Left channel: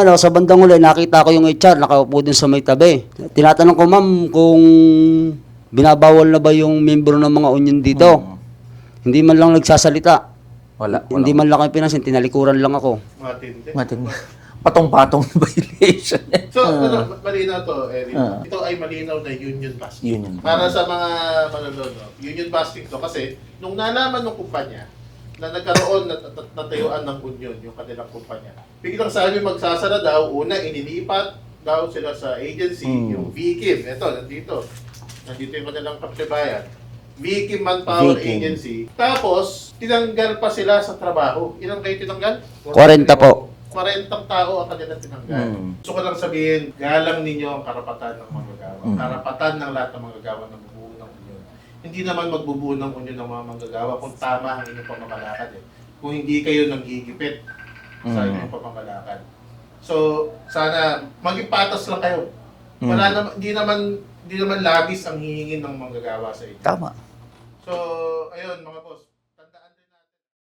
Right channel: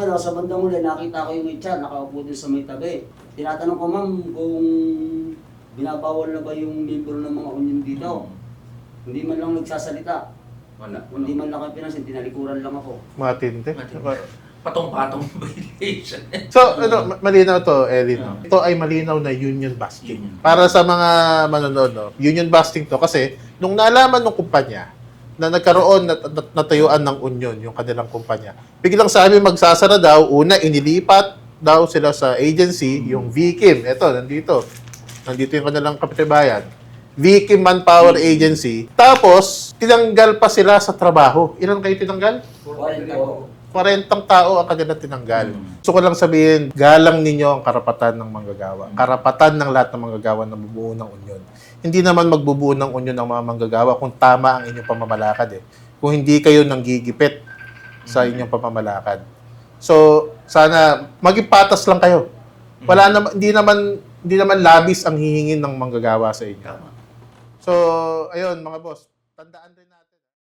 ano, sa bandang uli, nakita ko yung HR, nakaupo dun sa may tabi. Tinatanong ko, ma'am, kung binabawal na ba yung membro ng mga union dito. Hindi man lang nagsasalita. Wala. Hindi man lang kayo pinansin, tinalikuran lang ako. Matindi. Matindi. Patong-patong violation. So, ano, ma- malinaw to, Erin. no? Ito ay malinaw na union busting. Union. Para sa mga manonood, no? union busting to kasi nung nalaman ng kumpanya na nagkaroon na na- natayuan ng union yung kanilang kumpanya. Biglang sabi magsasara daw, una inilipat daw sila sa agency, yung VKIM. Ito, nandito. Nandito yung kanilang kapitibayan. VKIM Manpower Agency. Tapos, tinanggal pa sila sa trabaho. Ilan kayo tinanggal? 40 po. 40 tao ang kanila tinanggal. Mm. So ko lang sabihin, galang ninyo ang karapatan ng manggagawa. Mm. Karapatan ng lahat ng manggagawa na bubuo ng union. Hindi naman magbubuo ng union ng mga manggagawa kung tama ang inyong pamamalakad eh. Kung hindi kayo nanggigipit sa Mm. inyong pamamalakad. So, sana maging patas lang kayo. Wala naman hindi naman hindi naman labis ang hihingin ng manggagawa sa inyo. Tama. So, ayun mga boss, tandaan